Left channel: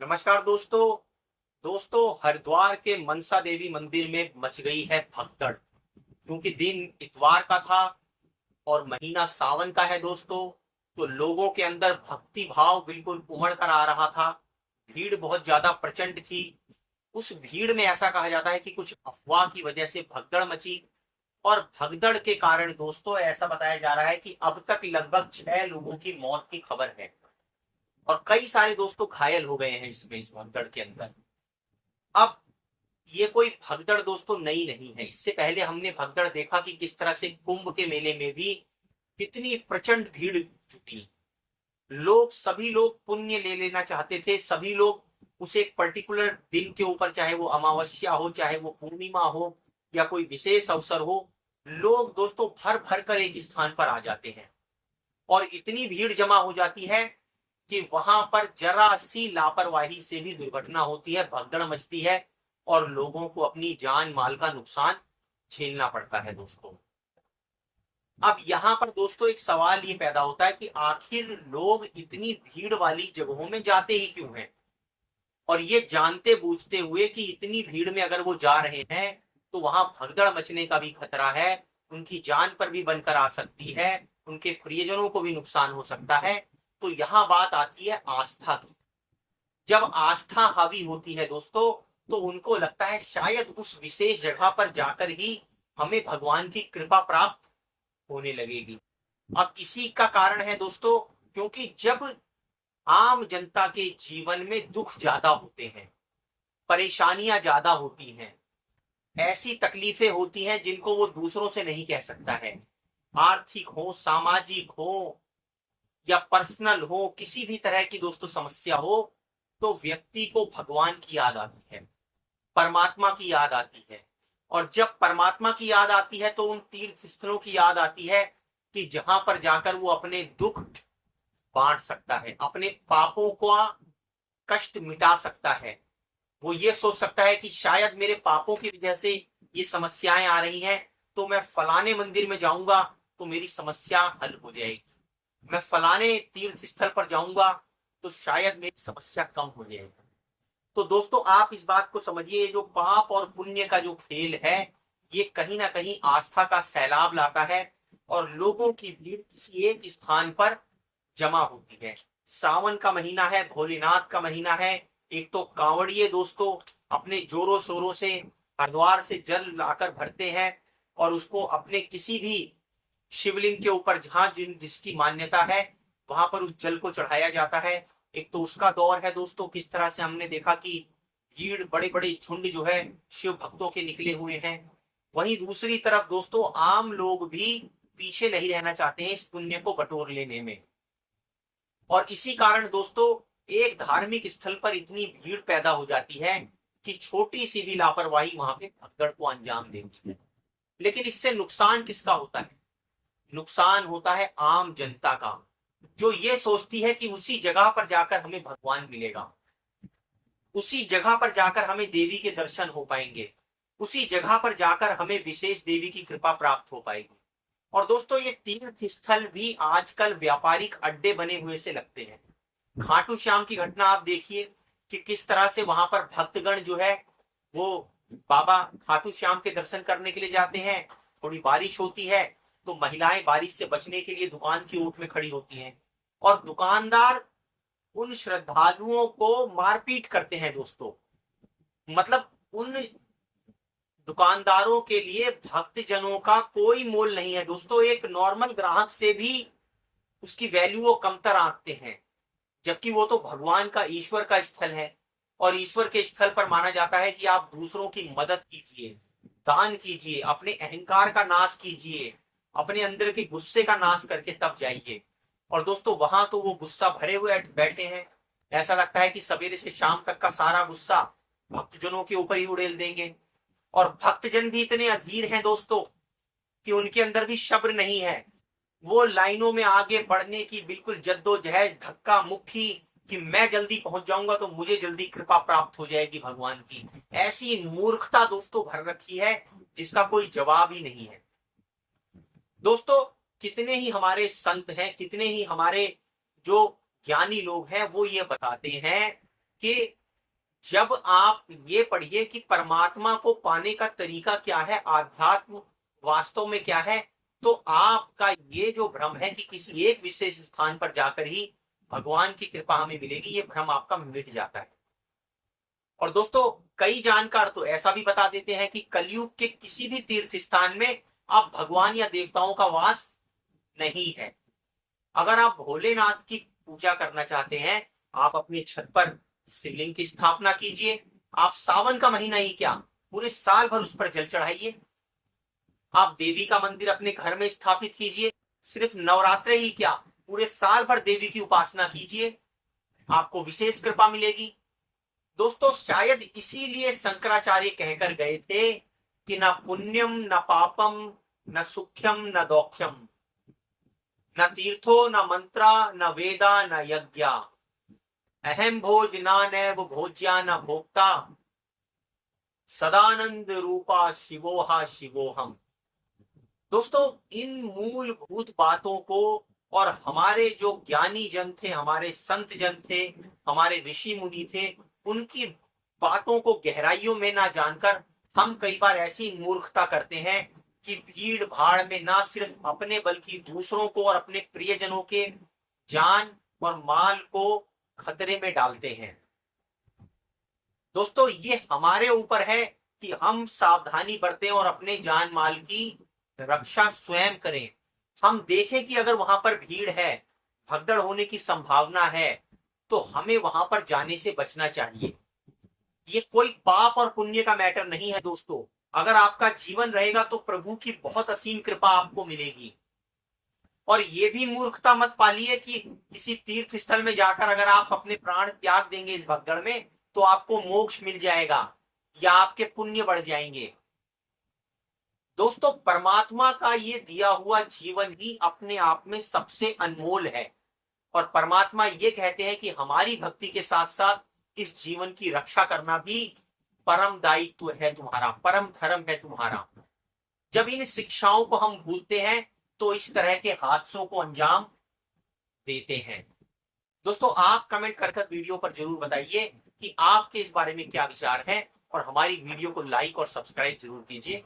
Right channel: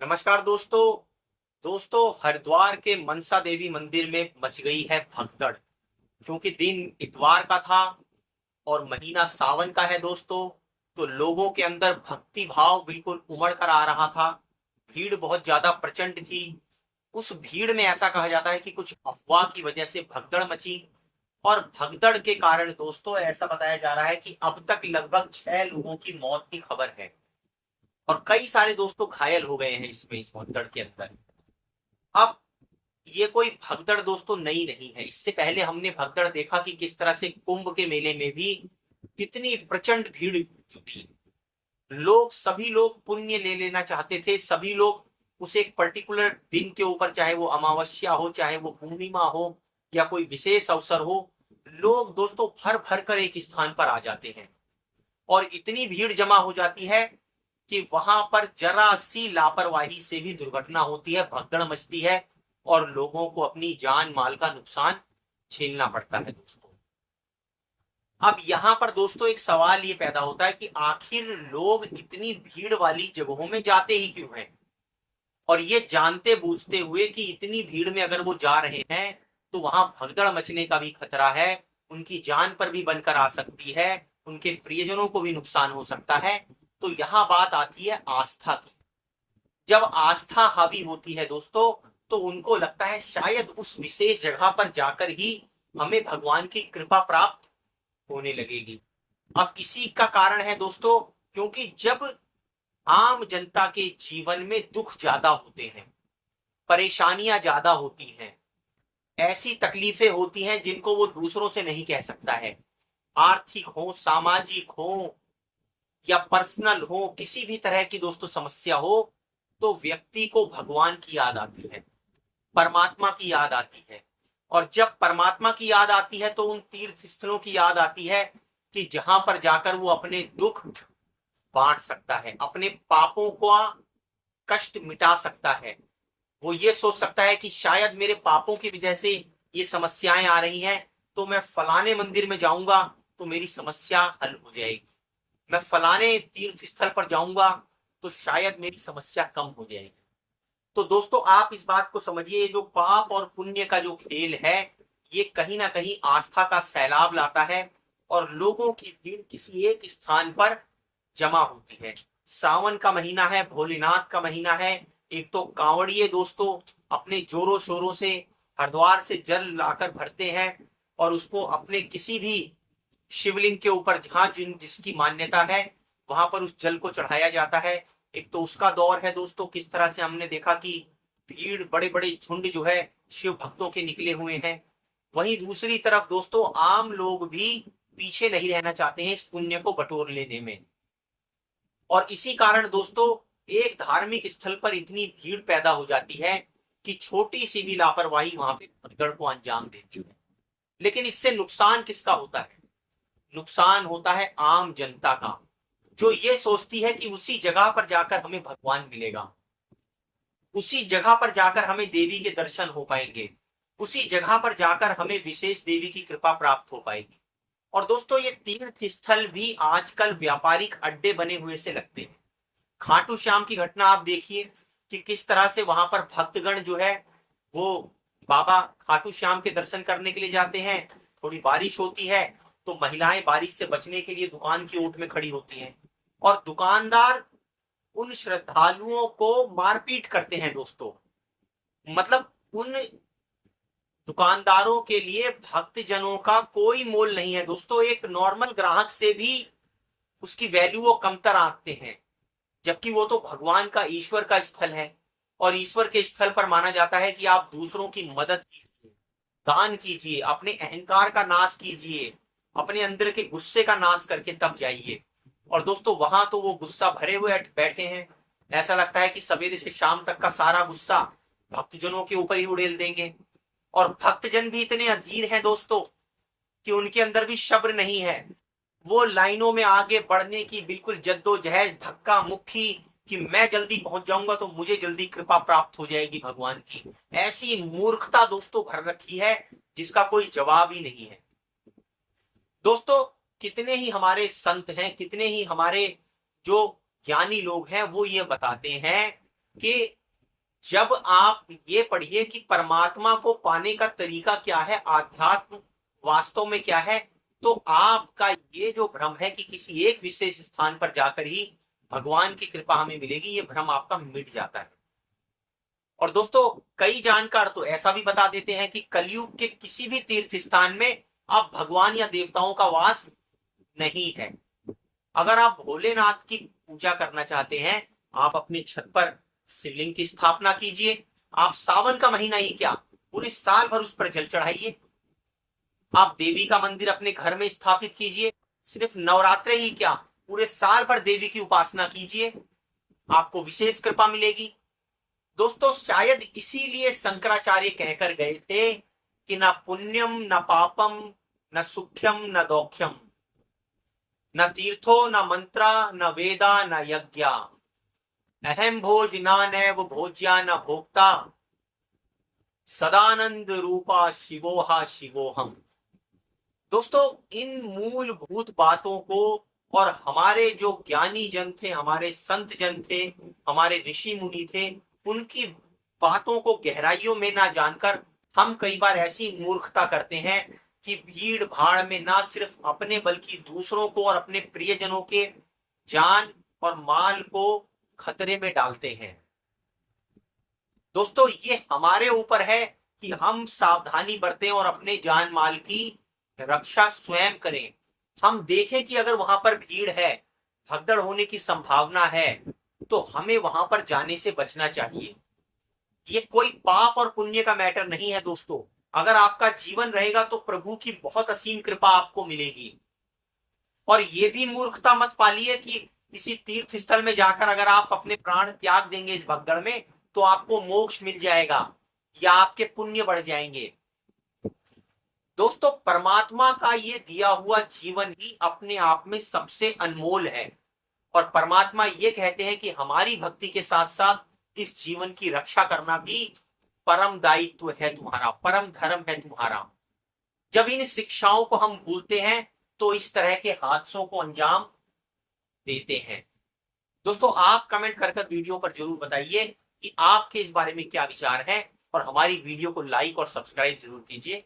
नमस्कार दोस्तों। हरिद्वार के मनसा देवी मंदिर में मच गई है भगदड़। क्योंकि दिन इतवार का था और महीना सावन का है दोस्तों, तो लोगों के अंदर भक्ति भाव बिल्कुल उमड़ कर आ रहा था। भीड़ बहुत ज्यादा प्रचंड थी। उस भीड़ में ऐसा कहा जाता है कि कुछ अफवाह की वजह से भगदड़ मची। और भगदड़ के कारण दोस्तों ऐसा बताया जा रहा है कि अब तक लगभग 6 लोगों की मौत की खबर है और कई सारे दोस्तों घायल हो गए हैं इस भगदड़ के अंदर। अब ये कोई भगदड़ दोस्तों नई नहीं है। इससे पहले हमने भगदड़ देखा कि किस तरह से कुंभ के मेले में भी कितनी प्रचंड भीड़ जुटी। सभी लोग पुण्य ले लेना चाहते थे। सभी लोग उस एक पर्टिकुलर दिन के ऊपर, चाहे वो अमावस्या हो, चाहे वो पूर्णिमा हो या कोई विशेष अवसर हो, लोग दोस्तों भर भर कर एक स्थान पर आ जाते हैं और इतनी भीड़ जमा हो जाती है कि वहां पर जरा सी लापरवाही से भी दुर्घटना होती है, भगदड़ मचती है और लोगों को अपनी जान माल का नुकसान झेलना पड़ता है दोस्तों। अब यहाँ पर दोस्तों एक सवाल ये पैदा होता है कि आखिर लोग इतनी भीड़ वाली जगहों में जाते ही क्यों हैं, और ये जानते बूझते हुए कि इतनी भीड़ में अगर वो जा रहे हैं तो वहां भगदड़ मचने का भी खतरा है, उनकी जान पर भी बनकर आ सकती है, उनके प्रियजनों को भी नुकसान हो सकता है। तो यहाँ बात आती है आस्था की। जब आस्था हावी होती है दोस्तों, तो उनको लगता है शायद उस विशेष जगह पर जाकर ही हमें भगवान की कृपा प्राप्त होने लगेगी। अब इसी का कारण है दोस्तों, क्योंकि जब आम जनता के जीवन में दुख ज्यादा होते हैं, परेशानियां ज्यादा होती हैं, ऐसी तकलीफें होती हैं जिनको वो दूसरों से नहीं कह सकता है, आर्थिक हो, सामाजिक हो या पर्सनल हो, किसी भी तरह की दोस्तों समस्या हो, तो व्यक्ति को भगवान की याद आती है, परमात्मा की याद आती है। और जब परमात्मा की याद आती है तो उन तीर्थ स्थलों की याद आती है कि जहां पर जाकर वो अपने दुख बांट सकता है, अपने पापों का कष्ट मिटा सकता है। वो ये सोच सकता है कि शायद मेरे पापों की वजह से ये समस्याएं आ रही हैं, तो मैं फलाने मंदिर में जाऊंगा तो मेरी समस्या हल हो जाएगी, मैं फलाने तीर्थ स्थल पर जाऊंगा तो शायद मेरी समस्या कम हो जाएगी। तो दोस्तों आप इस बात को समझिए, जो पाप और पुण्य का जो खेल है, ये कहीं ना कहीं आस्था का सैलाब लाता है और लोगों की भीड़ किसी एक स्थान पर जमा होती है। सावन का महीना है, भोलेनाथ का महीना है। एक तो कांवड़िए दोस्तों अपने जोरों शोरों से हरिद्वार से जल लाकर भरते हैं और उसको अपने किसी भी शिवलिंग के ऊपर जहां जिसकी मान्यता है वहां पर उस जल को चढ़ाया जाता है। एक तो उसका दौर है दोस्तों, किस तरह से हमने देखा कि भीड़, बड़े बड़े झुंड जो है शिव भक्तों के निकले हुए हैं। वहीं दूसरी तरफ दोस्तों आम लोग भी पीछे नहीं रहना चाहते हैं इस पुण्य को बटोर लेने में। और इसी कारण दोस्तों एक धार्मिक स्थल पर इतनी भीड़ पैदा हो जाती है कि छोटी सी भी लापरवाही वहां पे भगदड़ को अंजाम देती है। लेकिन इससे नुकसान किसका होता है? नुकसान होता है आम जनता का, जो ये सोचती है कि उसी जगह पर जाकर हमें भगवान मिलेगा, उसी जगह पर जाकर हमें देवी के दर्शन हो पाएंगे, उसी जगह पर जाकर हमें विशेष देवी की कृपा प्राप्त हो पाएगी। और दोस्तों ये तीर्थ स्थल भी आजकल व्यापारिक अड्डे बने हुए से लगते हैं। खाटू श्याम की घटना आप देखिए कि किस तरह से वहां पर भक्तगण जो है वो बाबा खाटू श्याम के दर्शन करने के लिए जाते हैं। थोड़ी बारिश होती है तो महिलाएं बारिश से बचने के लिए दुकान की ओट में खड़ी होती हैं और दुकानदार उन श्रद्धालुओं को मारपीट करते हैं दोस्तों। मतलब उन दुकानदारों के लिए भक्तजनों का कोई मोल नहीं है दोस्तों। एक नॉर्मल ग्राहक से भी उसकी वैल्यू वो कमतर आंकते हैं, जबकि वो तो भगवान का, ईश्वर का स्थल है। और ईश्वर के स्थल पर माना जाता है कि आप दूसरों की मदद कीजिए, दान कीजिए, अपने अहंकार का नाश कीजिए, अपने अंदर के गुस्से का नाश करके तब जाइए। और दोस्तों वहां तो वो गुस्सा भरे हुए बैठे हैं। ऐसा लगता है कि सवेरे से शाम तक का सारा गुस्सा भक्तजनों के ऊपर ही उड़ेल देंगे। और भक्तजन भी इतने अधीर हैं दोस्तों कि उनके अंदर भी सब्र नहीं है। वो लाइनों में आगे बढ़ने की बिल्कुल जद्दोजहद, धक्का मुक्की कि मैं जल्दी पहुंच जाऊंगा तो मुझे जल्दी कृपा प्राप्त हो जाएगी भगवान की। ऐसी मूर्खता दोस्तों भर रखी है जिसका कोई जवाब ही नहीं है। दोस्तों कितने ही हमारे संत हैं, कितने ही हमारे जो ज्ञानी लोग हैं, वो ये बताते हैं कि जब आप ये पढ़िए कि परमात्मा को पाने का तरीका क्या है, आध्यात्म वास्तव में क्या है, तो आपका ये जो भ्रम है कि किसी एक विशेष स्थान पर जाकर ही भगवान की कृपा हमें मिलेगी, ये भ्रम आपका मिट जाता है। और दोस्तों, कई जानकार तो ऐसा भी बता देते हैं कि कलयुग के किसी भी तीर्थ स्थान में आप भगवान या देवताओं का वास नहीं है। अगर आप भोलेनाथ की पूजा करना चाहते हैं, आप अपनी छत पर शिवलिंग की स्थापना कीजिए। आप सावन का महीना ही क्या, पूरे साल भर उस पर जल चढ़ाइए। आप देवी का मंदिर अपने घर में स्थापित कीजिए। सिर्फ नवरात्रे ही क्या, पूरे साल भर देवी की उपासना कीजिए, आपको विशेष कृपा मिलेगी। दोस्तों, शायद इसीलिए शंकराचार्य कहकर गए थे कि न पुण्यम न पापम न सुख्यम न दौख्यम, न तीर्थो न मंत्रा न वेदा न यज्ञा, अहम भोजना नैव भोज्या न भोक्ता, सदानंद रूपा शिवोहा शिवोहम। दोस्तों, इन मूलभूत बातों को और हमारे जो ज्ञानी जन थे, हमारे संत जन थे, हमारे ऋषि मुनि थे, उनकी बातों को गहराइयों में ना जानकर हम कई बार ऐसी मूर्खता करते हैं कि भीड़ भाड़ में ना सिर्फ अपने बल्कि दूसरों को और अपने प्रियजनों के जान और माल को खतरे में डालते हैं। दोस्तों, ये हमारे ऊपर है कि हम सावधानी बरतें और अपने जान माल की रक्षा स्वयं करें। हम देखें कि अगर वहां पर भीड़ है, भगदड़ होने की संभावना है, तो हमें वहां पर जाने से बचना चाहिए। ये कोई पाप और पुण्य का मैटर नहीं है दोस्तों। अगर आपका जीवन रहेगा तो प्रभु की बहुत असीम कृपा आपको मिलेगी। और ये भी मूर्खता मत पालिए कि किसी तीर्थ स्थल में जाकर अगर आप अपने प्राण त्याग देंगे इस भगदड़ में, तो आपको मोक्ष मिल जाएगा या आपके पुण्य बढ़ जाएंगे। दोस्तों, परमात्मा का ये दिया हुआ जीवन ही अपने आप में सबसे अनमोल है। और परमात्मा ये कहते हैं कि हमारी भक्ति के साथ साथ इस जीवन की रक्षा करना भी परम दायित्व है तुम्हारा, परम धर्म है तुम्हारा। जब इन शिक्षाओं को हम भूलते हैं तो इस तरह के हादसों को अंजाम देते हैं। दोस्तों, आप कमेंट कर वीडियो पर जरूर बताइए कि आपके इस बारे में क्या विचार है, और हमारी वीडियो को लाइक और सब्सक्राइब जरूर कीजिए।